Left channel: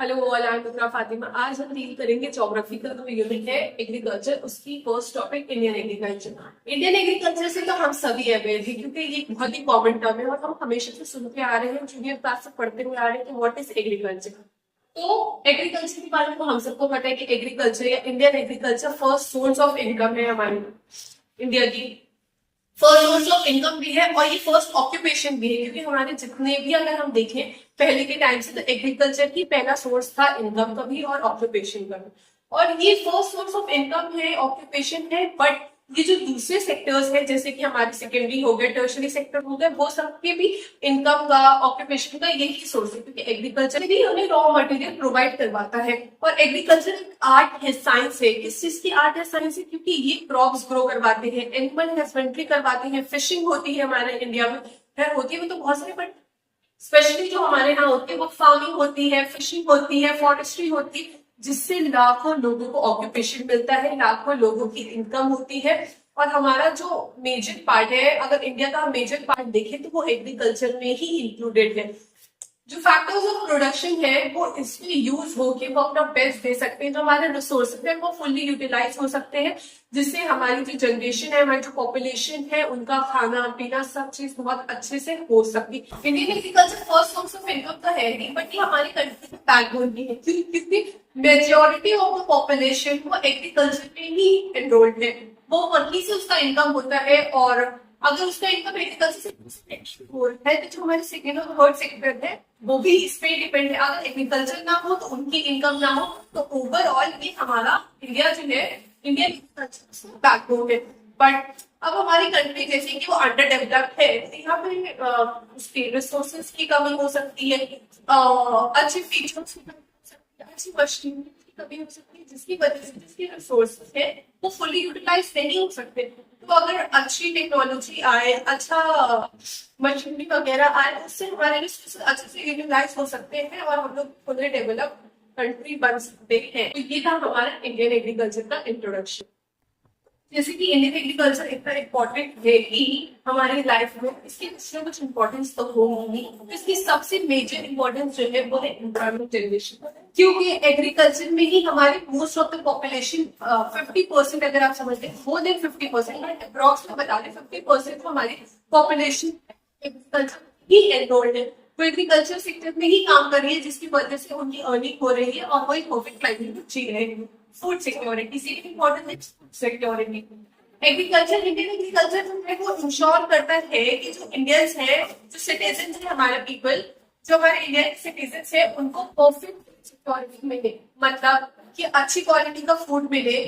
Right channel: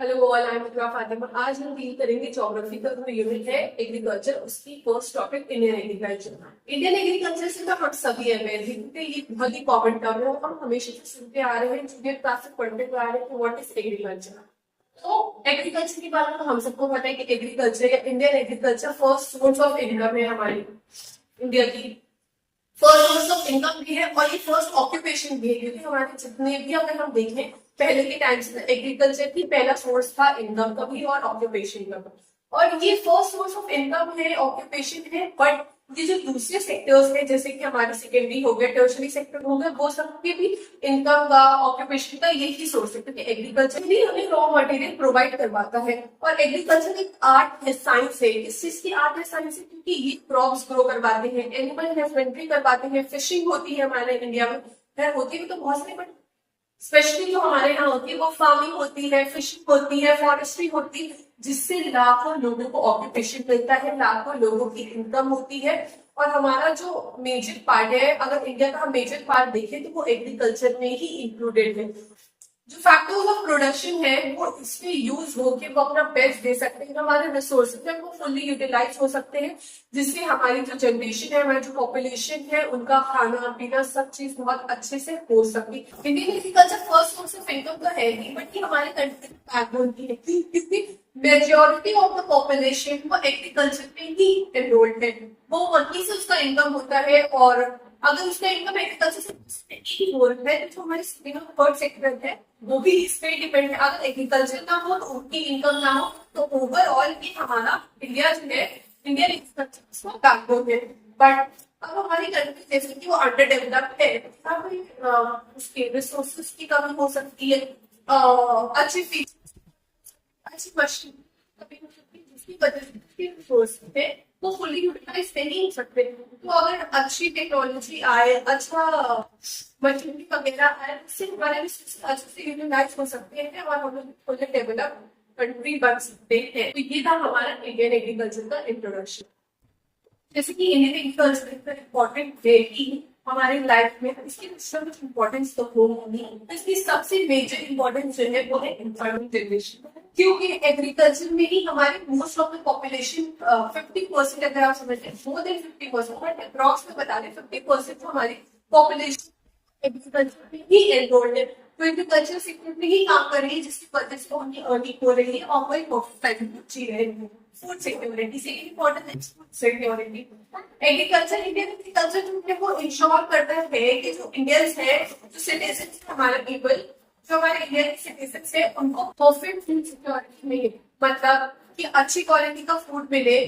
Hello all, I am इकरा फातिमा। आज हम deal करेंगे ज्योग्राफी का जो यूनिट है एग्रीकल्चर, उसकी first topic Indian agriculture. Indian agriculture से तो हम सभी अवेयर हैं क्योंकि ये बहुत ही कॉमन टर्म है और हम हमेशा से सुनते आ रहे हैं, जूनियर क्लास से पढ़ते हुए आ रहे हैं कि व्हाट इज एग्रीकल्चर। तो एग्रीकल्चर के बारे में तो हम सबको पता है कि एग्रीकल्चर या Indian agriculture first source of income है हमारी इंडिया की। फर्स्ट सोर्स ऑफ इनकम भी है और ये फर्स्ट ऑक्यूपेशन भी है, क्योंकि हमारे जितने भी अगर हम देखें पहले के टाइम से, तो एग्रीकल्चर ही पहला सोर्स था इनकम का भी और ऑक्यूपेशन का भी। और ये फर्स्ट सोर्स ऑफ इनकम है, ऑक्यूपेशन है। बट ये जो दूसरे सेक्टर्स हैं, जैसे कि हमारे सेकेंडरी हो गए, टर्शरी सेक्टर हो गए, वो सबके भी इनकम का, ऑक्यूपेशन का यही सोर्स है, क्योंकि एग्रीकल्चर भी हमें रॉ मटेरियल प्रोवाइड करवाता है। और एग्रीकल्चर एक आर्ट है, साइंस है। किस चीज की आर्ट है, साइंस है? क्योंकि ये क्रॉप्स ग्रो करवाते हैं, एनिमल हस्बेंड्री करवाते हैं, फिशिंग होती है हमारे इंडिया में, है होती है वो तो बहुत सारी, बट स्पेशली जो हमारे यहाँ होती है वो फार्मिंग होती है, फिशिंग होती है, फॉरेस्ट्री होती है, जिससे लाखों लोगों को ऑक्यूपेशन मिलता है, लाखों लोगों की इनकम होती है। और हमारा जो मेजर पार्ट है, अगर इंडिया का मेजर पार्ट देखें तो वो एग्रीकल्चर में ही इंक्लूडेड है। जो फैक्टर्स ऑफ प्रोडक्शन है वो इसमें यूज हो के वो अपना बेस्ट दे सकते हैं, जो हमारे रिसोर्सेज है वो फुल्ली यूटिलाइज हो सकते हैं, जिससे हमारी जो जनरेशन है, हमारी जो पॉपुलेशन है, उनका खाना पीना सब चीज बहुत अच्छे से हो सकती है। Indian agriculture first source of income तो है नहीं, बट ये हमारे कंट्री का बैकबोन भी है, क्योंकि मेजोरिटी ऑफ द पॉपुलेशन वो एग्रीकल्चर में ही एनरोल्ड है, वो वहीं से उसका इनकम होता है। और अगर उसका इनकम एग्रीकल्चर से हो रहा है तो जो हमारे सेकेंड और थर्ड सेक्टर है वो भी इस पे डिपेंड है। अगर एग्रीकल्चर ना हो तो उनकी इनकम ना हो, तो ओवरऑल भी हमारा इंडिया जो है, इंडियन एग्रीकल्चर बैकबोन है। बट अब हमारी कंट्री जैसे कि वो अंडर डेवलप्ड है, तो यहाँ पे उसके रिसोर्सेज की कमी हो सकती है, अच्छे फीचर्स की कमी हो सकती है, अच्छी मशीनरी की कमी हो सकती है, जिसकी वजह से जिसके रिसोर्सेज है वो फुल्ली यूटिलाइज नहीं हो सकते। तो अगर अच्छी टेक्नोलॉजी आए, अच्छा मशीनरी वगैरह आए, उससे हमारे रिसोर्सेज अच्छे से यूटिलाइज हो सकते हैं और हम लोग फुल्ली डेवलप कंट्री बन सकते हैं। तो ये था हमारा इंडियन एग्रीकल्चर का इंट्रोडक्शन। जैसे कि इंडियन एग्रीकल्चर इतना इम्पोर्टेंट है कि हमारी लाइफ में इसकी कुछ इम्पोर्टेंस तो होगी, तो इसकी सबसे मेजर इम्पोर्टेंस जो है वो है एम्प्लॉयमेंट जनरेशन, क्योंकि एग्रीकल्चर में ही हमारी मोस्ट ऑफ द पॉपुलेशन 50%, अगर आप समझते हैं मोर देन 50%, बट अप्रॉक्स में बता दें 50% हमारी पॉपुलेशन एग्रीकल्चर में ही एनरोल्ड है, वो एग्रीकल्चर सेक्टर में ही काम कर रही है, जिसकी वजह से उनकी अर्निंग हो रही है और वो एक परफेक्ट लाइवलीहुड जी रहे हैं। फूड सिक्योरिटी, सेकंड इम्पोर्टेंट है food security. Agriculture, Indian agriculture जो है वो इंश्योर करता है कि जो इंडियंस है, जो सिटीजन है, हमारे पीपल, जो हमारे इंडियन सिटीजन है, उनको परफेक्ट फूड सिक्योरिटी मिले, मतलब कि अच्छी क्वालिटी का फूड मिले,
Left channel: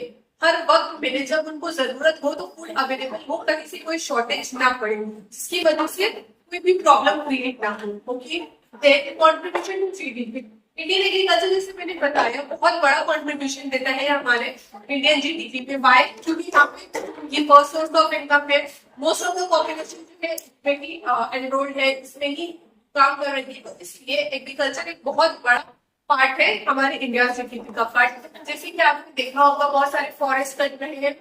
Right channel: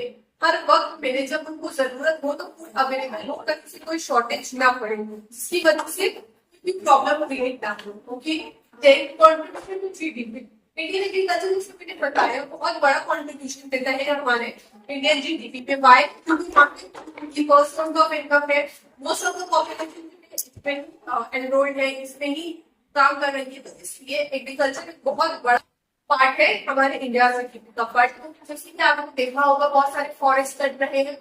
हर वक्त मिले, जब उनको जरूरत हो तो फूड अवेलेबल हो, कहीं से कोई शॉर्टेज ना पड़े, जिसकी वजह से कोई भी प्रॉब्लम क्रिएट ना हो। Okay, contribution to GDP, Indian agriculture जैसे मैंने बताया बहुत बड़ा कंट्रीब्यूशन देता है हमारे इंडियन जीडीपी पे। वाई? क्योंकि यहाँ पे ये फर्स्ट सोर्स ऑफ इनकम है, मोस्ट ऑफ द पॉपुलेशन जो है इसमें ही एनरोल्ड है, इसमें ही काम कर रही है, तो इसलिए एग्रीकल्चर एक बहुत बड़ा पार्ट है हमारे इंडिया जीडीपी का। बट जैसे कि आपने देखा होगा बहुत सारे फॉरेस्ट कट रहे हैं,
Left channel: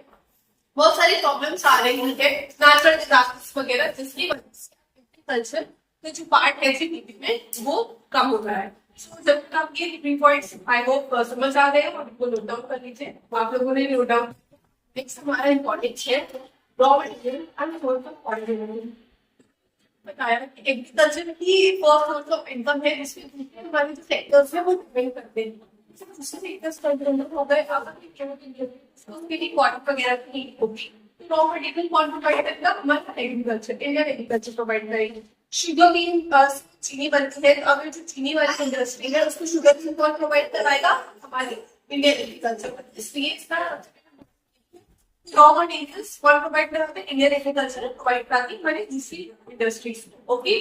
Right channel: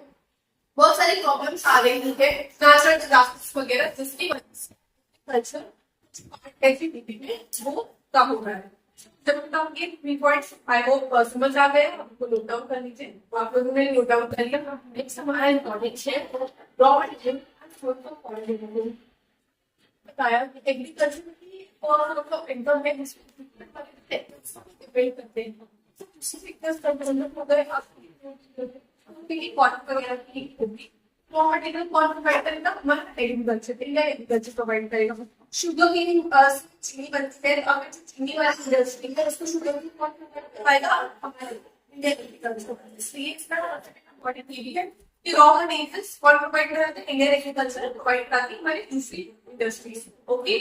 बहुत सारी प्रॉब्लम्स आ रही है, नेचुरल डिजास्टर्स वगैरह, जिसकी वजह से एग्रीकल्चर का जो पार्ट है जीडीपी में वो कम हो रहा है। जब आप ये 3 पॉइंट्स आई होप समझ आ गए, आप इनको नोट डाउन कर लीजिए। आप लोगों ने नोट डाउन कर लिया। नेक्स्ट हमारा इम्पोर्टेंट है raw material and source of organism. बताया कि एग्रीकल्चर की फर्स्ट सोर्स ऑफ इनकम है, जिसमें हमारे जो सेक्टर्स है वो डिपेंड करते हैं। दूसरे सेक्टर्स का डेवलप हो गए, उसके लिए कॉटन वगैरह की होगी, रॉ मटेरियल कौन प्रोवाइड करेगा? हमारा एग्रीकल्चर, इंडियन एग्रीकल्चर प्रोवाइड करेगा। शुगर केन, चीनी बनती है, अगर जो चीनी वाली इंडस्ट्री है उसको शुगर केन कौन प्रोवाइड करवाएगा? हमारे इंडियन एग्रीकल्चर। इसलिए इसका इम्पोर्टेंट ये भी है कि रॉ मटेरियल्स कौन प्रोवाइड कराते हैं? इंडियन एग्रीकल्चर प्रोवाइड कराती है हमारी दूसरी इंडस्ट्रीज। ओके,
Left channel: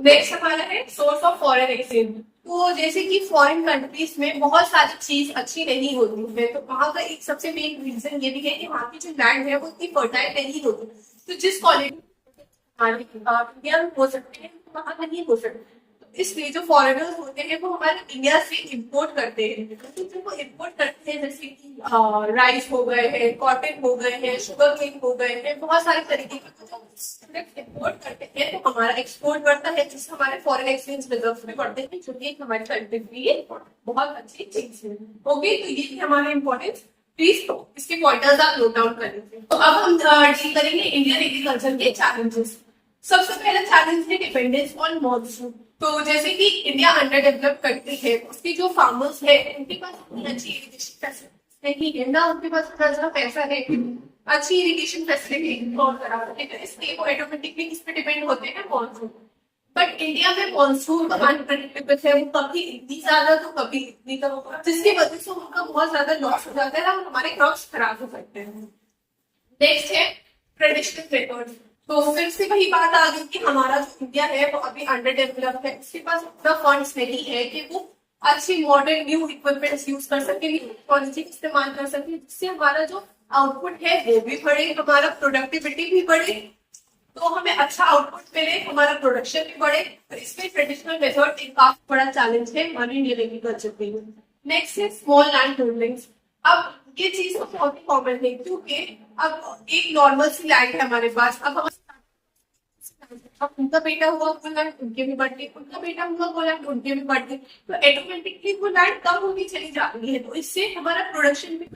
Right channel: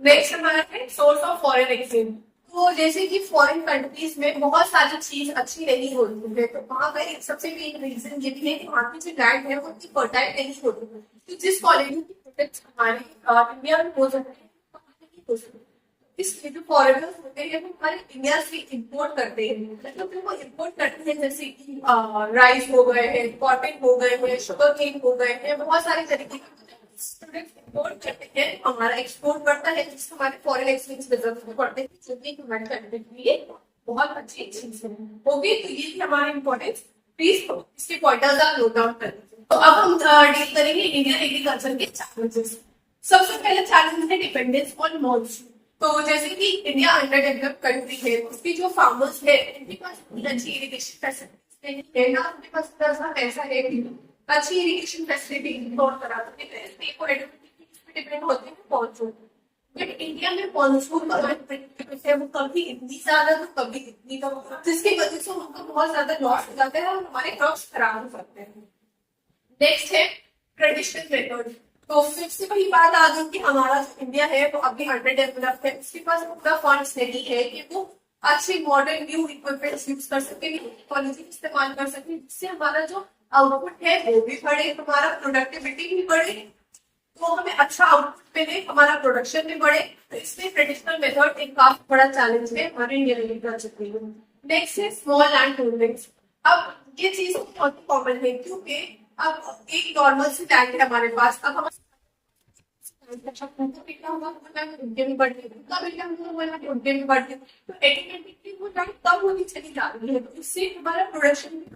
नेक्स्ट हमारा है सोर्स ऑफ फॉरेन एक्सचेंज। तो जैसे कि फॉरेन कंट्रीज में बहुत सारी चीज अच्छी नहीं होती है, तो वहां का एक सबसे मेन रीजन ये भी है कि वहाँ की जो लैंड है वो इतनी फर्टाइल नहीं होती, तो जिस क्वालिटी की प्रोडक्ट्स हमारे इंडिया में हो सकते हैं वहां नहीं हो सकते। इसलिए जो फॉरेनर्स होते हैं वो हमारे इंडिया से इंपोर्ट करते हैं, तो फिर वो इंपोर्ट करते हैं जैसे कि राइस हो गए हैं, कॉटन हो गए हैं, शुगर केन हो गए हैं, बहुत सारे तरीके के प्रोडक्ट इंपोर्ट करते हैं, तो हमारा एक्सपोर्ट बढ़ता है, जिससे हमारे फॉरेन एक्सचेंज रिजर्व भी बढ़ते हैं, जो कि हमारी कंट्री के लिए बहुत अच्छी चीज है। ओके, तो ये हमारे इंपॉर्टेंस, प्लीज इसके पॉइंटर्स आप नोट डाउन कर लीजिए। तो अब हम डील करेंगे इंडियन एग्रीकल्चर के चैलेंजेस। सबसे पहला चैलेंज है डिपेंडेंस ऑन मॉनसून। तो जैसे कि इंडिया अंडर डेवलप्ड कंट्री है, उसकी जो फार्मर्स है उनके पास इतनी अच्छी इरिगेशन फैसिलिटी नहीं है ना, उनके पास इतना सा पैसा है अच्छी इरिगेशन फैसिलिटी और करा सके, तो इसलिए वो ऑटोमेटिकली किस पे डिपेंड होते हैं, मॉनसून। बट इंडिया में मॉनसून का अनप्रेडिक्टेबल है, वो कभी इतनी ज्यादा तो कभी इतनी कम, जिसकी वजह से उनका बहुत ज्यादा लॉस हो जाता है और हमारे क्रॉप्स खराब हो सकते हैं। नेक्स्ट है ट्रेडिशनल मेथड। तो फिर से वही बात आ गई कि हमारा जो इंडिया है वो अभी अंडर डेवलप्ड है, उसके पास उतना फंड्स नहीं है कि वो अच्छी मॉडर्न न्यू इक्विपमेंट्स यूज कर सके, टेक्नोलॉजी इस्तेमाल कर सके, जिससे हमारा जो आउटपुट है वो भी बढ़े, हमारा प्रोडक्टिविटी भी बढ़े, तो हमें अच्छा आउटपुट मिले, हमारा प्रोडक्शन भी बढ़े। तो इसमें ट्रेडिशनल मेथड एक काफी बड़ा चैलेंज है हमारे इंडियन एग्रीकल्चर के लिए। नेक्स्ट है स्मॉल लैंड होल्डिंग्स। अब ये चीज तो बहुत ही कॉमन है, क्योंकि अब एक नॉर्मल सी लैंड है हमारे पास, अब हम उनका बेटा हुआ वो लैंड उनके भी बढ़ती, उनका बेटा हुआ वो लैंड उनके भी बढ़ती, तो ऑटोमेटिकली वो लैंड कम होती चली जा रही है, तो इससे हमारा प्रोडक्शन भी,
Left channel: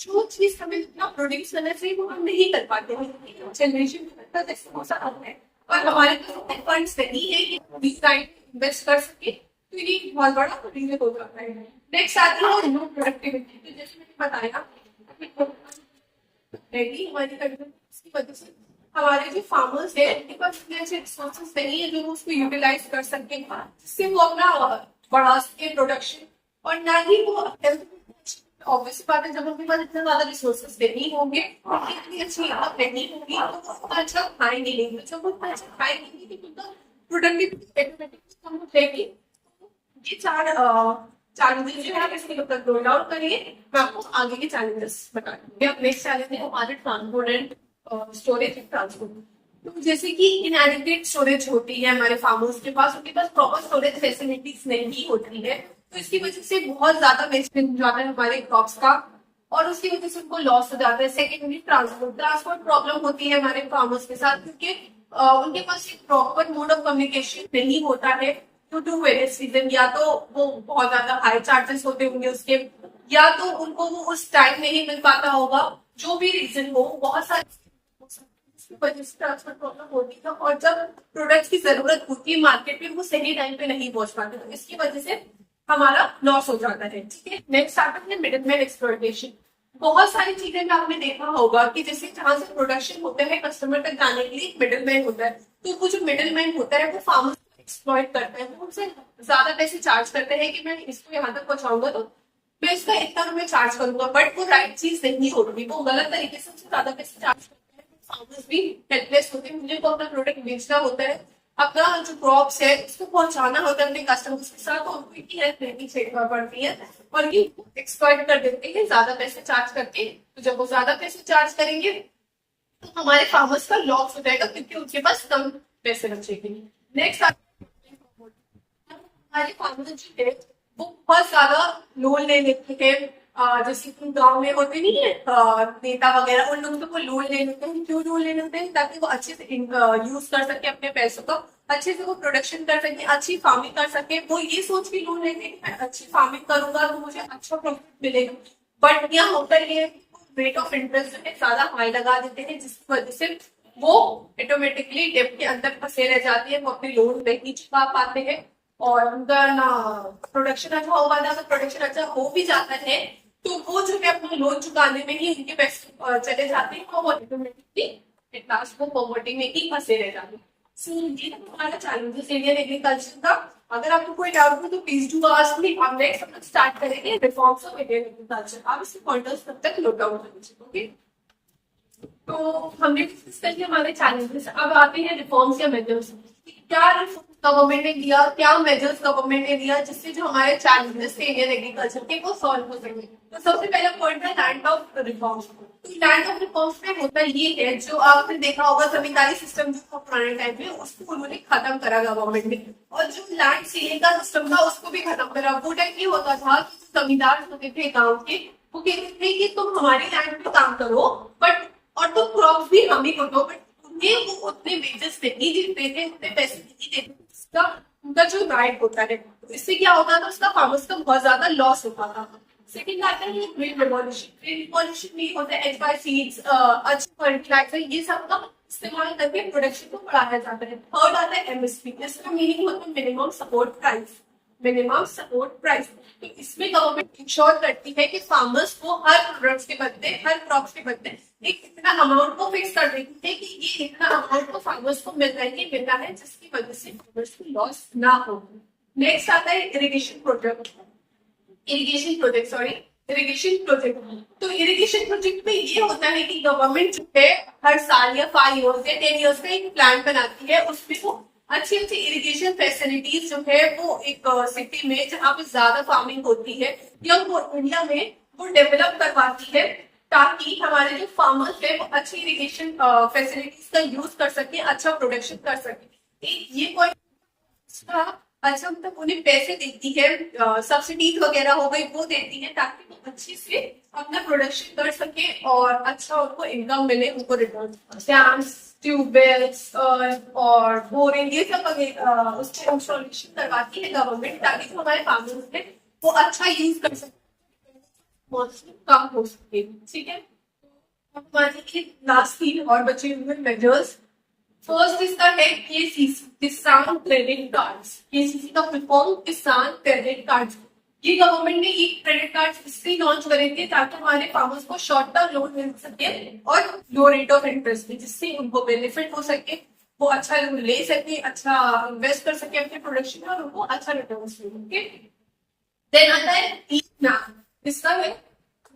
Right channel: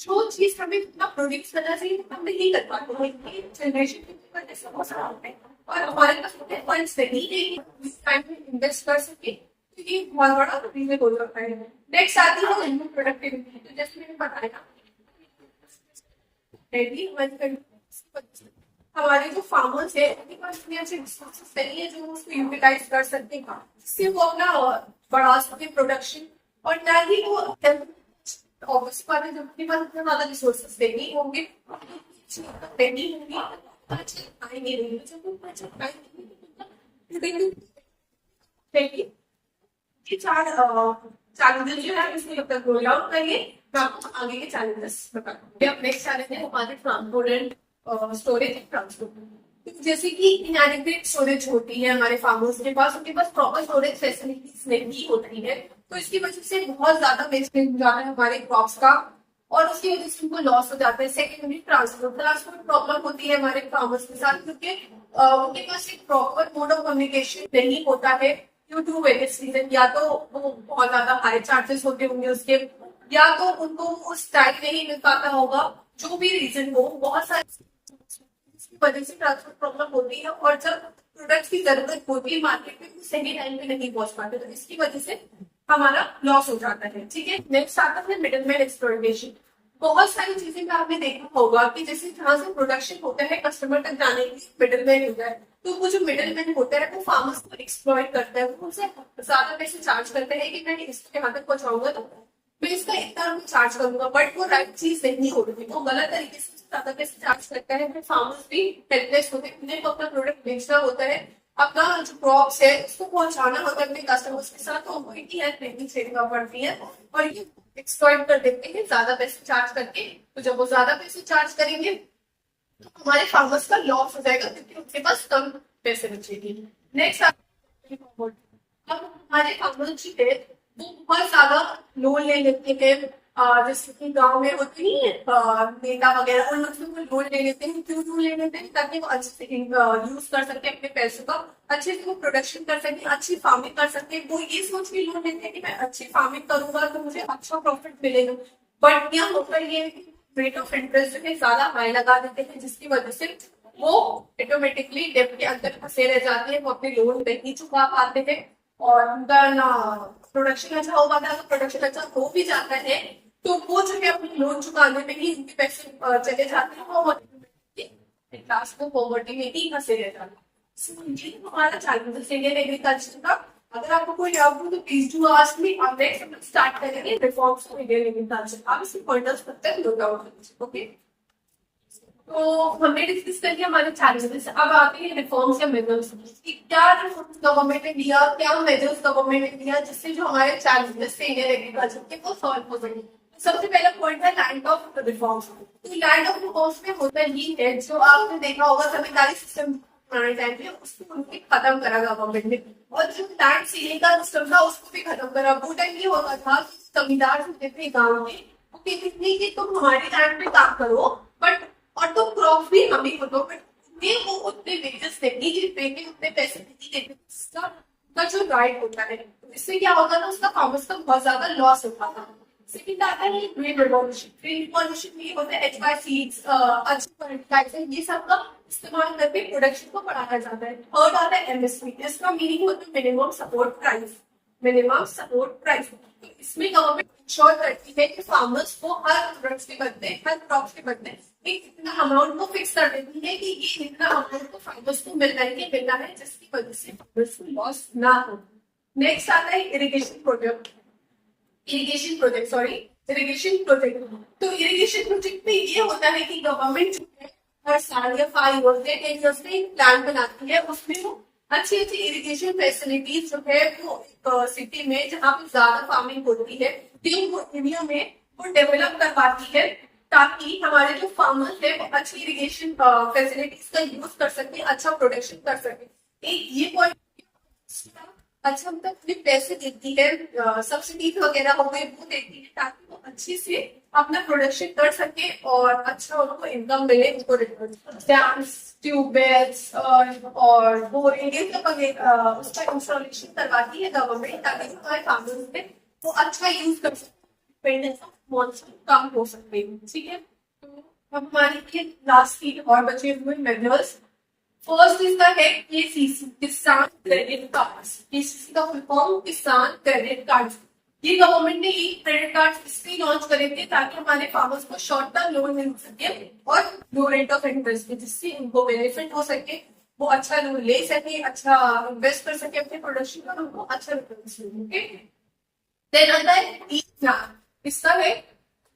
जो चीज हमें जितना प्रोड्यूस करना चाहिए वो हम नहीं कर पाते हैं, जनरेशन में जैसे हो सकता है, और हमारे पास उतने फंड्स नहीं है कि टाइम में इन्वेस्ट कर सके, तो ये बहुत बड़ा रीजन हो जाता है। नेक्स्ट आती है ह्यूमन प्रोडक्टिविटी। तो जैसे मैंने बताया हमारी कंट्री की वजह से हमारे जो फार्मर्स है उनके पास इतने अच्छे रिसोर्सेज नहीं है जो वो उसको यूटिलाइज कर सके, जिससे वो अपना बढ़ा सके प्रोडक्शन, और ना ही वो ऑब्वियस बात है जब उनके पास इतना ज्यादा रिसोर्सेज नहीं होंगे, इतनी अच्छी इनकम नहीं होगी, तो वो उतना अच्छा खाएंगे नहीं, तो जब वो उतना अच्छा खाएंगे नहीं तो उनका प्रोडक्टिविटी ऑटोमेटिकली कम हो जाएगी। ये चार चैलेंजेस जो है इसमें जब तक रोल आउट करिए, मैं आपको आगे के चैलेंजेस बताऊंगी। अब नेक्स्ट चैलेंज है हमारे transport and storage and transport. तो जैसे कि इनएडिक्वेट स्टोरेज होती है हमारे फार्मर्स के पास, उनके पास प्रॉपर स्टोरेज फैसिलिटीज नहीं होती है, तो इसकी वजह से बहुत ज्यादा वेस्टेज हो जाता है हमारे क्रॉप्स का, और उसकी वजह से उनको लॉस हो जाता है। सेकेंडली ट्रांसपोर्ट प्रॉब्लम होती है हमारे फार्मर्स के साथ, क्योंकि उनके पास एक प्रॉपर मोड ऑफ कम्युनिकेशन नहीं होता है ड्यू टू वेरियस रीजन, या तो वो बहुत ज्यादा हाई चार्जेस होते होंगे उसके, या तो उनको वो उस टाइम नहीं मिल पाता होगा, जो भी रीजन हो, बहुत सारे वजह से ट्रांसपोर्ट प्रॉब्लम होती है, और जब प्रोडक्ट्स की जरूरत होती है मार्केट में वो सही टाइम पे नहीं पहुंच पाते, तो इसकी वजह से हमारा लॉस हो जाता है। ठीक है, नेक्स्ट आता है मिडिलमैन एक्सप्लॉयटेशन। बहुत सारी चीजें में आपने देखा होगा कि जैसे जहां से प्रोडक्शन होता है कस्टमर तक जाने के लिए मिडिलमैन होता है, तो वो जो मिडिलमैन होता है वो फार्मर्स को एक्सप्लॉयट करता है, वो उनसे ज्यादा पैसे चार्ज करते हैं कि मैं इसको यहाँ तक पहुंचाऊंगा तो मैं इसका इतना रुपये चार्ज करूंगा, बट वो राइट चीज नहीं होगी, वो गलत तरीके से ज्यादा पैसे चार्ज करता है, फिर फार्मर्स भी हेल्पलेस होते हैं, उन्हें तो अपना प्रोडक्ट बेचना होता है, अपना जो क्रॉप्स है उसको पहुंचाना होता है अपने कस्टमर्स के साथ, तो उनको इतनी हेल्प नहीं चाहिए पड़ती है, और ये एक्सप्लॉइट कर देते हैं ज्यादा पैसे चार्ज करके। तो जब वो ज्यादा पैसे चार्ज करेंगे तो हमारे फार्मर्स का लॉस हो जाएगा, क्योंकि उनके पास कम पैसे बचेंगे। नेक्स्ट अब हमारे फार्मर्स जो है वो बहुत ज्यादा लोन ले लेते हैं, जैसे कि गांव में होते नहीं है नेता वगैरह, उन लोगों से वो लोन ले लेते हैं। क्यों लोन ले लेते हैं? ताकि वो अच्छे से यूज कर सके अपने पैसों का, अच्छे से वो प्रोडक्शन कर सके, अच्छी फार्मिंग कर सके। वो ये सोच के लोन लेते हैं कि मैं अच्छी फार्मिंग करूंगा तो मुझे अच्छा प्रॉफिट मिलेगा, बट यहाँ होता ही है कि रेट ऑफ इंटरेस्ट जो है ज्यादा हाई लगा देते हैं, जिसकी वजह से वो ऑटोमेटिकली डेब्ट के अंदर फंसे रह जाते हैं, वो अपने लोन नहीं चुका पाते हैं, और उनका ना प्रोडक्शन अच्छा हो पाता है। अगर प्रोडक्शन अच्छा हो भी जाता है तो वो जो है अपने लोन चुकाने में ही उनके पैसे चले जाते हैं, और ऑटोमेटिकली लास्ट वो पॉवर्टी में ही फंसे रह जाते हैं। सो ये तो हमारा चैलेंजेस इंडियन एग्रीकल्चर का। अगर आपको कोई डाउट हो तो प्लीज डू आस्क मी। अब नेक्स्ट हम स्टार्ट करेंगे रिफॉर्म्स ऑफ इंडियन एग्रीकल्चर। आप इसके पॉइंटर्स तब तक नोट डाउन कर लीजिए। ओके। तो हमने डिस्कस कर लिया हमारे चैलेंजेस। अब आते हैं रिफॉर्म्स या मेजर्स। क्या रिफॉर्म्स गवर्नमेंट ने लिया, क्या मेजर्स गवर्नमेंट ने लिया जिससे जो हमारे चैलेंजेस थे इंडियन एग्रीकल्चर के वो सॉल्व हो सके। तो सबसे पहला पॉइंट है लैंड ऑफ रिफॉर्म्स। तो लैंड ऑफ रिफॉर्म्स में होता ये है, जो आपने देखा होगा जमींदारी सिस्टम जो पुराने टाइम में, उसको उन्होंने खत्म करा गवर्नमेंट ने, और जो लैंड सीलिंग का सिस्टम था उसको भी खत्म करा। वो टाइम ये होता था कि जमींदार होते थे गाँव के, वो कहते थे कि तुम हमारी लैंड पे काम करो बट, और तो क्रॉप भी हम ही को दो, बट उन्हें वो उतने वेजेस नहीं देते थे, उतने पैसे नहीं देते थे इसका उनका जो राइट होता है। तो इससे क्या होता था, उसका फार्मर्स का बहुत ज्यादा लॉस होता था। सेकंड आता है ग्रीन रिवॉल्यूशन। ग्रीन रिवॉल्यूशन में होता है HY सीड्स, अच्छे फर्टिलाइजर, ये सब का इस्तेमाल करके प्रोडक्शन को बढ़ाया जाता है। थर्ड आता है MSP। इसका मीनिंग होता है minimum support price. Minimum support price, तो इसमें गवर्नमेंट इंश्योर करती है कि फार्मर्स को हर प्रोडक्ट्स के बदले, हर क्रॉप्स के बदले एक इतना अमाउंट को फिक्स कर देती है कि ये इतना अमाउंट को फार्मर्स को मिलना है जिसकी वजह से फार्मर्स को लॉस ना हो। नेक्स्ट आता है इरिगेशन प्रोजेक्ट। Irrigation project. तो इरिगेशन प्रोजेक्ट में ये होता है कि गवर्नमेंट जो है हर साल या 5 इयर्स या 10 इयर्स का एक प्लान बनाती है, उसमें वो अच्छी अच्छी इरिगेशन फैसिलिटीज जो है वो एक सिटी में जहाँ पे ज्यादा फार्मिंग होती है या वो एरिया में वो डेवलप करवाती है, ताकि हमारे जो फार्मर्स है वो अच्छी इरिगेशन फैसिलिटीज का यूज कर सके, अच्छा प्रोडक्शन कर सके। एक ये पॉइंट अच्छा, मतलब उन्हें पैसे देती है, सब्सिडीज वगैरह हो गई वो देती है, ताकि वो अच्छे से अपना प्रोडक्शन कर सके और अच्छा उनको इनकम मिले, उनको रिटर्न। डैम्स, ट्यूबवेल्स और बोरिंग, ये सब उसका इंस्टॉलेशन करवाती है गवर्नमेंट, ताकि जो हमारे फार्मर्स है वो अच्छा यूज कर सके, डिपेंडेंस ऑफ मॉनसून कम हो सके। ठीक है, तो अब हमारे लास्ट 3 और बचे हुए मेजर्स। फर्स्ट इसका है KCC, किसान क्रेडिट कार्ड्स। KCC का फुल फॉर्म किसान क्रेडिट कार्ड्स। ये गवर्नमेंट ने एक क्रेडिट कार्ड इसलिए लॉन्च करे थे ताकि हमारे फार्मर्स को शॉर्ट टर्म लोन मिल सके और लो रेट ऑफ इंटरेस्ट में, जिससे उनको बेनिफिट हो सके, वो अच्छा लोन ले सके, अच्छा इन्वेस्ट कर सके अपने प्रोडक्शन में और उनको अच्छा रिटर्न मिले। देन आता है इसका है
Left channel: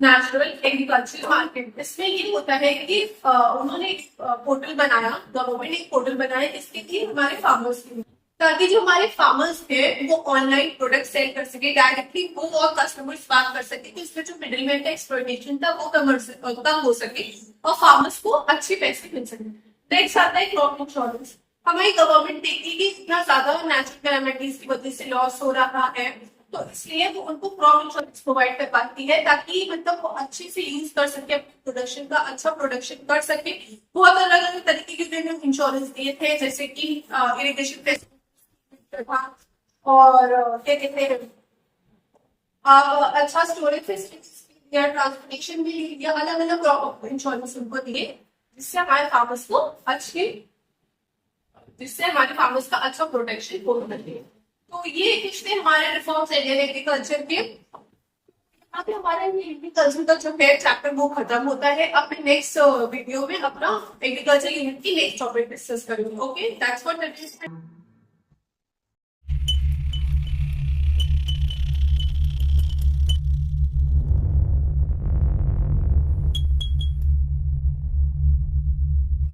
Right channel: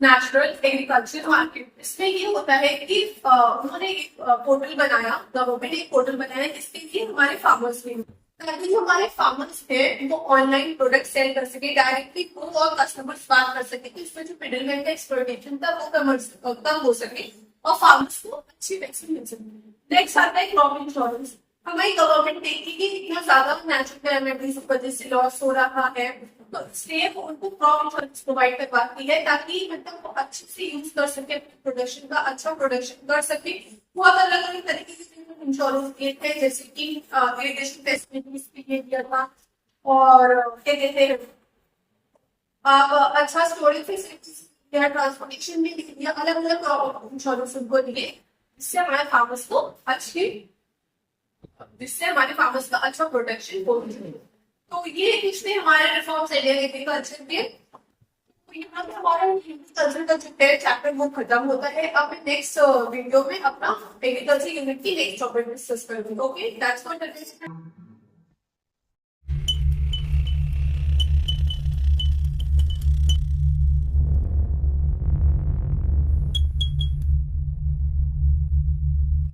नेशनल एग्रीकल्चर मार्केट। इसमें ये होता है कि उन्होंने एक पोर्टल बनाया, गवर्नमेंट एक पोर्टल बनाया इसके लिए हमारे फार्मर्स के लिए, ताकि जो हमारे फार्मर्स है वो ऑनलाइन प्रोडक्ट सेल कर सके, डायरेक्टली वो और कस्टमर्स बात कर सके, कि इसमें जो मिडिलमैन का एक्सप्लॉयटेशन था वो कम हो सके और फार्मर्स को अच्छे पैसे मिल सके। नेक्स्ट आता है क्रॉप इंश्योरेंस। हमारी गवर्नमेंट देखती कि इतना ज्यादा नेचुरल कैलामिटीज की वजह से लॉस हो रहा है, तो इसलिए वो उनको क्रॉप इंश्योरेंस प्रोवाइड करवाती है, ताकि मतलब वो अच्छे से यूज कर सके अपने प्रोडक्शन का, अच्छा प्रोडक्शन कर सके। बहुत अलग अलग तरीके के इंश्योरेंस दिए थे, जैसे कि इरिगेशन फैसिलिटीज के लिए दिया था, और क्या कहते हैं आप अच्छा स्टोरेज फैसिलिटीज दिया, ट्रांसपोर्टेशन भी दिया, अलग अलग क्रॉप इंश्योरेंस उनको दिए, जिससे हमारे फार्मर्स का अच्छा प्रोटेक्शन हो सके। तो ये पिछले हमारे रिफॉर्म्स इंडियन एग्रीकल्चर के। तो यहाँ पे हमारा एग्रीकल्चर का जो है चैप्टर वो खत्म होता है। अब मैं नेक्स्ट वीडियो में अपना एग्रीकल्चर यूनिट की नेक्स्ट टॉपिक डिस्कस करूंगी। Okay, that's for today.